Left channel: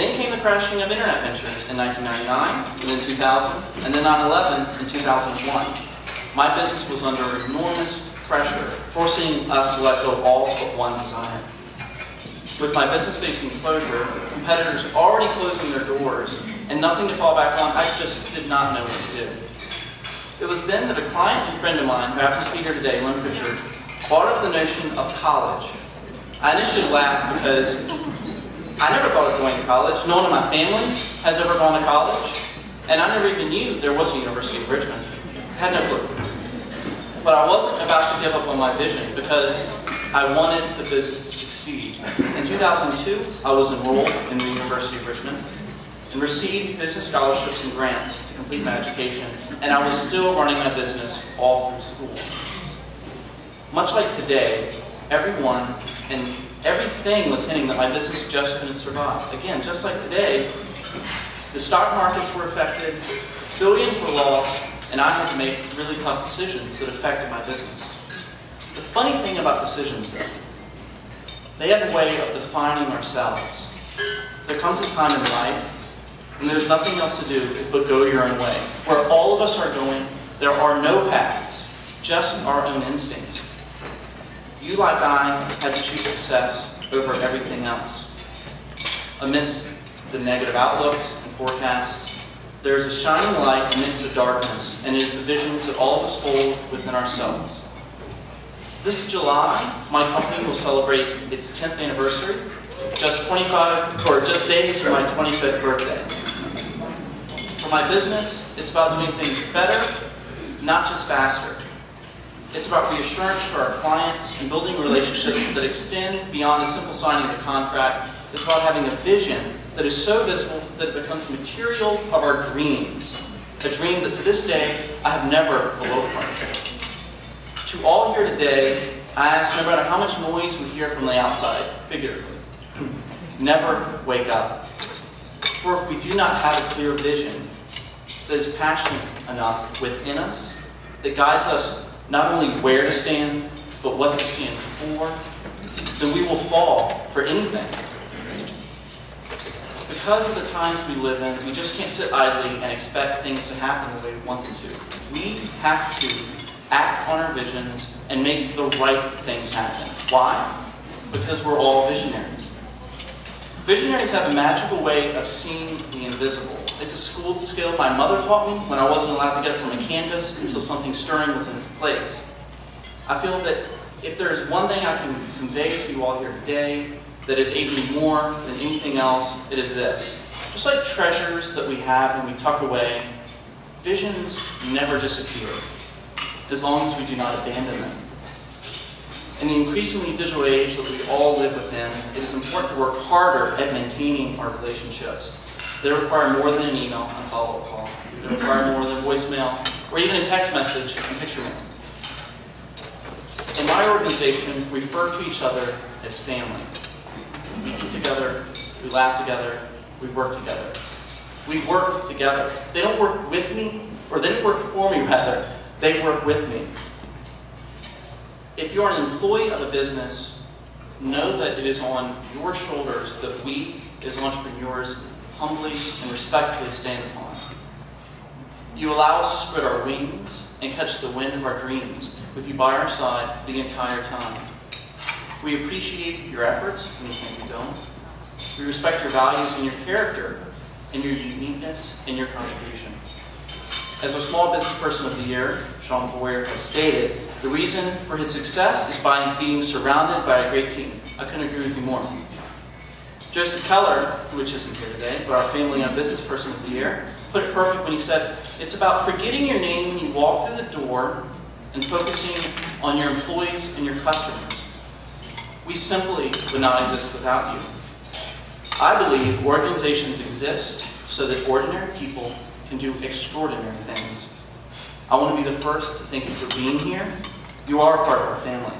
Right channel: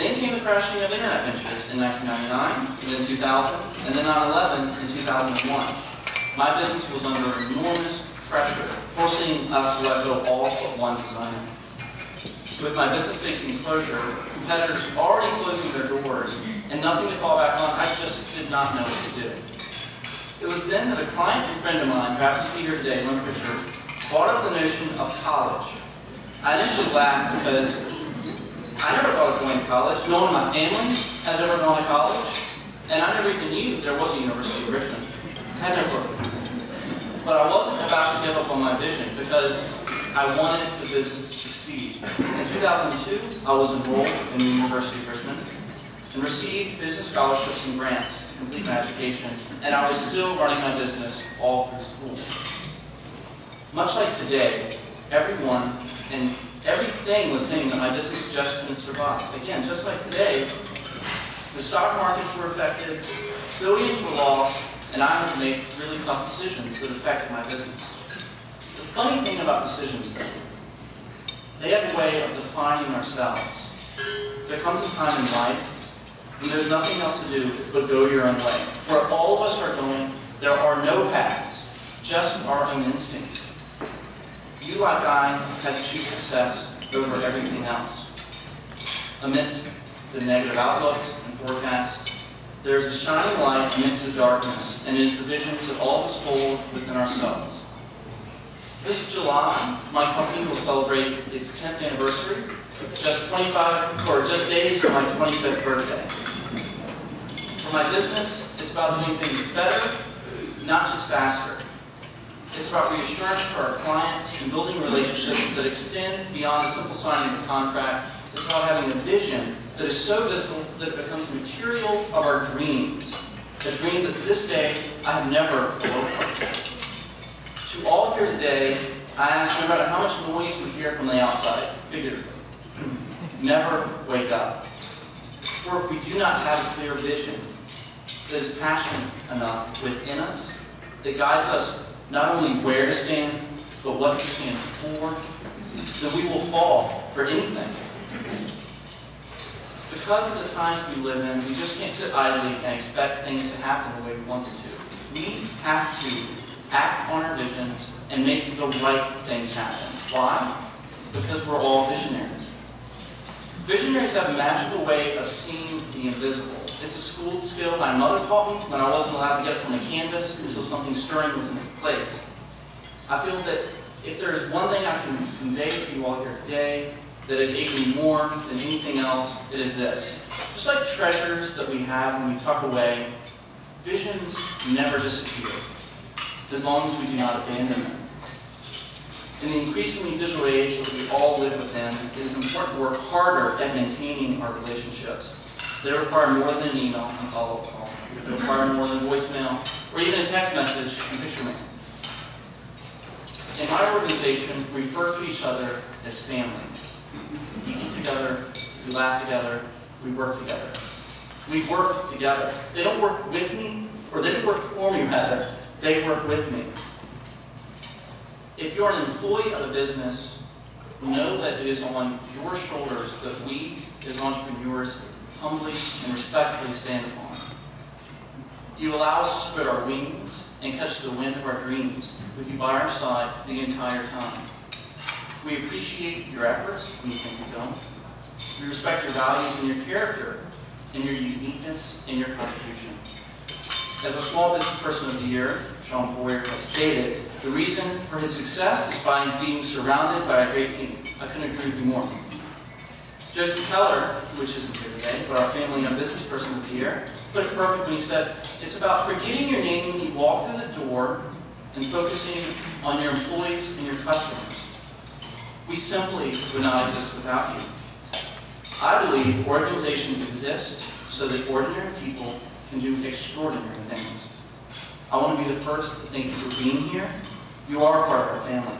Then came the crashing of internet ventures in 1999, and then 2000, and then 9/11 in 2001. My business was under enormous pressure, forcing us to let go of all but one designer. With my business facing closure, competitors already closing their doors, and nothing to fall back on, I just did not know what to do. It was then that a client and friend of mine, who happens to be here today, Lynn Pritchard, brought up the notion of college. I initially laughed because I never thought of going to college. No one in my family has ever gone to college, and I never even knew there was a University of Richmond. I had no clue. But I wasn't about to give up on my vision because I wanted the business to succeed. In 2002, I was enrolled in the University of Richmond and received business scholarships and grants to complete my education, and I was still running my business all through school. Much like today, everyone and everything was hinting that my business just couldn't survive. Again, just like today, the stock markets were affected, billions were lost, and I had to make really tough decisions that affected my business. The funny thing about decisions, though, they have a way of defining ourselves. There comes a time in life when there's nothing else to do but go your own way. Where all of us are going, there are no paths, just our own instincts. You, like I, had to choose success over everything else. Amidst the negative outlooks and forecasts, there is a shining light amidst the darkness, and it is the visions that all of us hold within ourselves. This July, my company will celebrate its 10th anniversary, just days from my 25th birthday. For my business, it's about doing things better, not just faster. It's about reassurance for our clients and building relationships that extend beyond the simple signing of a contract. It's about having a vision that is so visible that it becomes the material of our dreams. A dream that to this day, I have never eloped from. To all here today, I ask, no matter how much noise we hear from the outside, figuratively, never wake up. For if we do not have a clear vision that is passionate enough within us, that guides us not only where to stand, but what to stand for, then we will fall for anything. Because of the times we live in, we just can't sit idly and expect things to happen the way we want them to. We have to act on our visions and make the right things happen. Why? Because we're all visionaries. Visionaries have a magical way of seeing the invisible. It's a school skill my mother taught me when I wasn't allowed to get up from a canvas until something stirring was in its place. I feel that if there is one thing I can convey to you all here today that has aided me more than anything else, it is this. Just like treasures that we have when we tuck away, visions never disappear, as long as we do not abandon them. In the increasingly digital age that we all live within, it is important to work harder at maintaining our relationships. They require more than an email and follow-up call. They require more than voicemail, or even a text message and picture mail. In my organization, we refer to each other as family. We eat together, we laugh together, we work together. We work together. They don't work with me, or they don't work for me, rather. They work with me. If you're an employee of a business, know that it is on your shoulders that we, as entrepreneurs, humbly and respectfully stand upon. You allow us to spread our wings and catch the wind of our dreams with you by our side the entire time. We appreciate your efforts when you think you don't. We respect your values and your character and your uniqueness and your contribution. As our Small Business Person of the Year, Sean Boyer, has stated, the reason for his success is by being surrounded by a great team. I couldn't agree with you more. Joseph Keller, which isn't here today, but our Family and Business Person of the Year, put it perfect when he said, it's about forgetting your name when you walk through the door and focusing on your employees and your customers. We simply would not exist without you. I believe organizations exist so that ordinary people can do extraordinary things. I want to be the first to thank you for being here. You are a part of our family.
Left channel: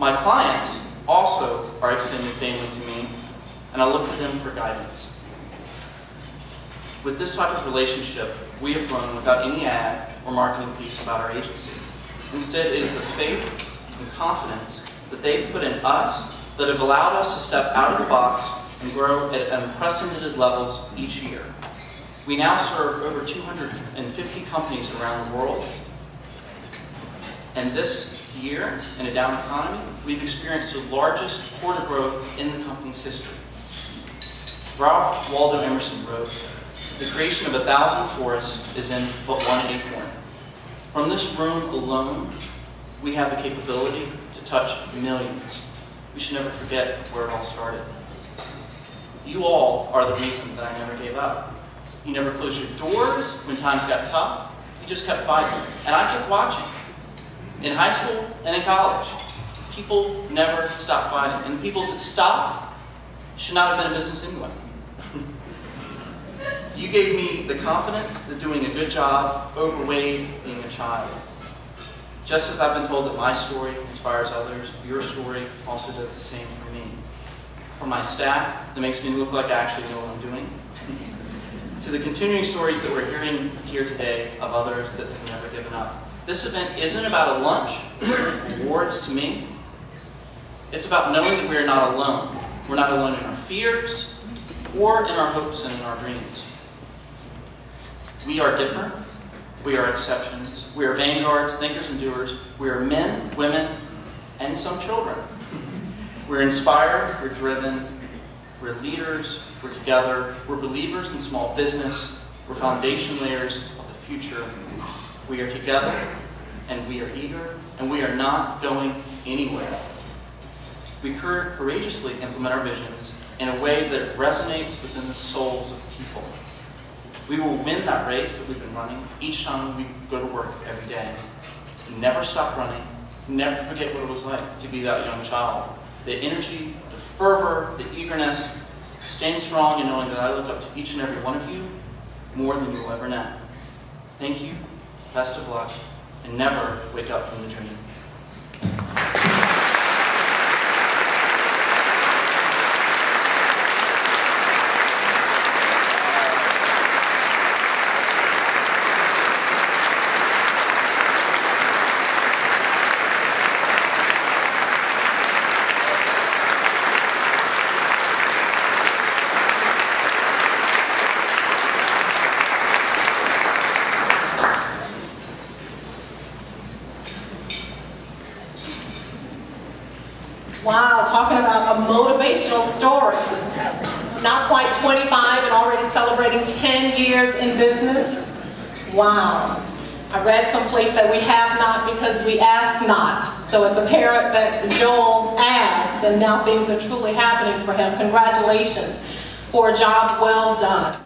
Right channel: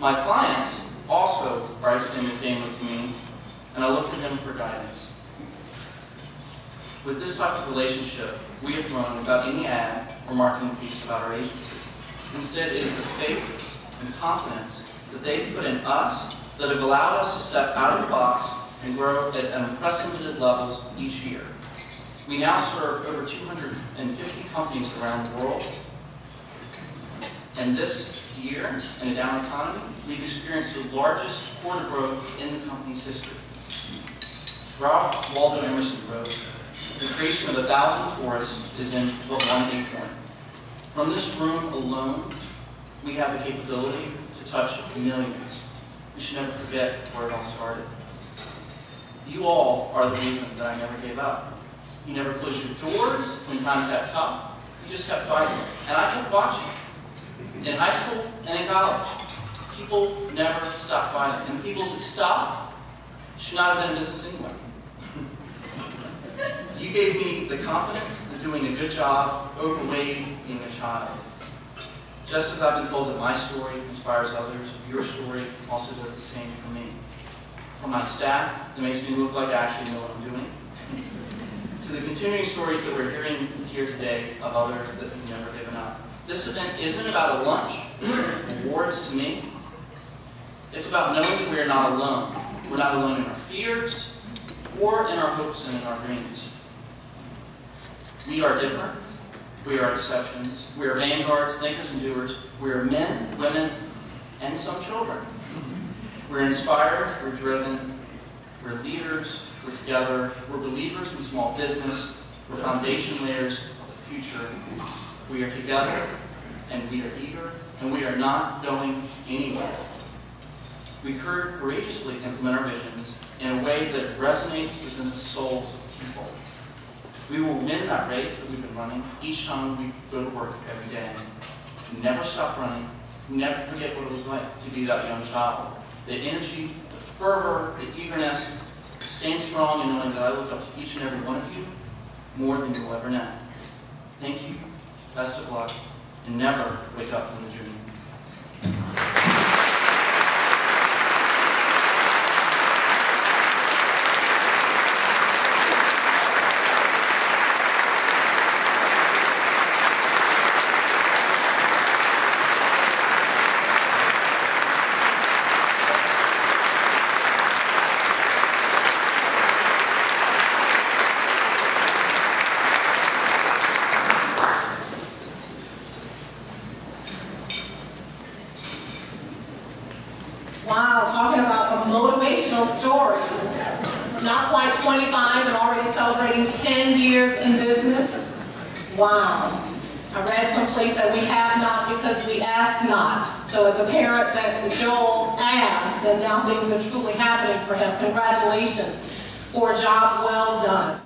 My clients also are extended family to me, and I look to them for guidance. With this type of relationship, we have grown without any ad or marketing piece about our agency. Instead, it is the faith and confidence that they've put in us that have allowed us to step out of the box and grow at unprecedented levels each year. We now serve over 250 companies around the world. And this year, in a down economy, we've experienced the largest quarter growth in the company's history. Ralph Waldo Emerson wrote, "The creation of 1,000 forests is in but one acorn." From this room alone, we have the capability to touch millions. We should never forget where it all started. You all are the reason that I never gave up. You never closed your doors when times got tough. You just kept fighting. And I kept watching. In high school and in college, people never stopped fighting. And the people that stopped should not have been in business anyway. You gave me the confidence that doing a good job overweighed being a child. Just as I've been told that my story inspires others, your story also does the same for me. For my staff, that makes me look like I actually know what I'm doing. To the continuing stories that we're hearing here today of others that have never given up. This event isn't about a lunch, awards to me. It's about knowing that we are not alone. We're not alone in our fears or in our hopes and in our dreams. We are different. We are exceptions. We are vanguards, thinkers, and doers. We are men, women, and some children. We're inspired. We're driven. We're leaders. We're together. We're believers in small business. We're foundation layers of the future. We are together, and we are eager, and we are not going anywhere. We courageously implement our visions in a way that resonates within the souls of people. We will win that race that we've been running each time we go to work every day. Never stop running. Never forget what it was like to be that young child. The energy, the fervor, the eagerness, staying strong and knowing that I look up to each and every one of you more than you'll ever know. Thank you, best of luck, and never wake up from the dream. Wow, talking about a motivational story. Not quite 25 and already celebrating 10 years in business. Wow. I read someplace that we have not because we asked not. So it's apparent that Joel asked, and now things are truly happening for him. Congratulations for a job well done.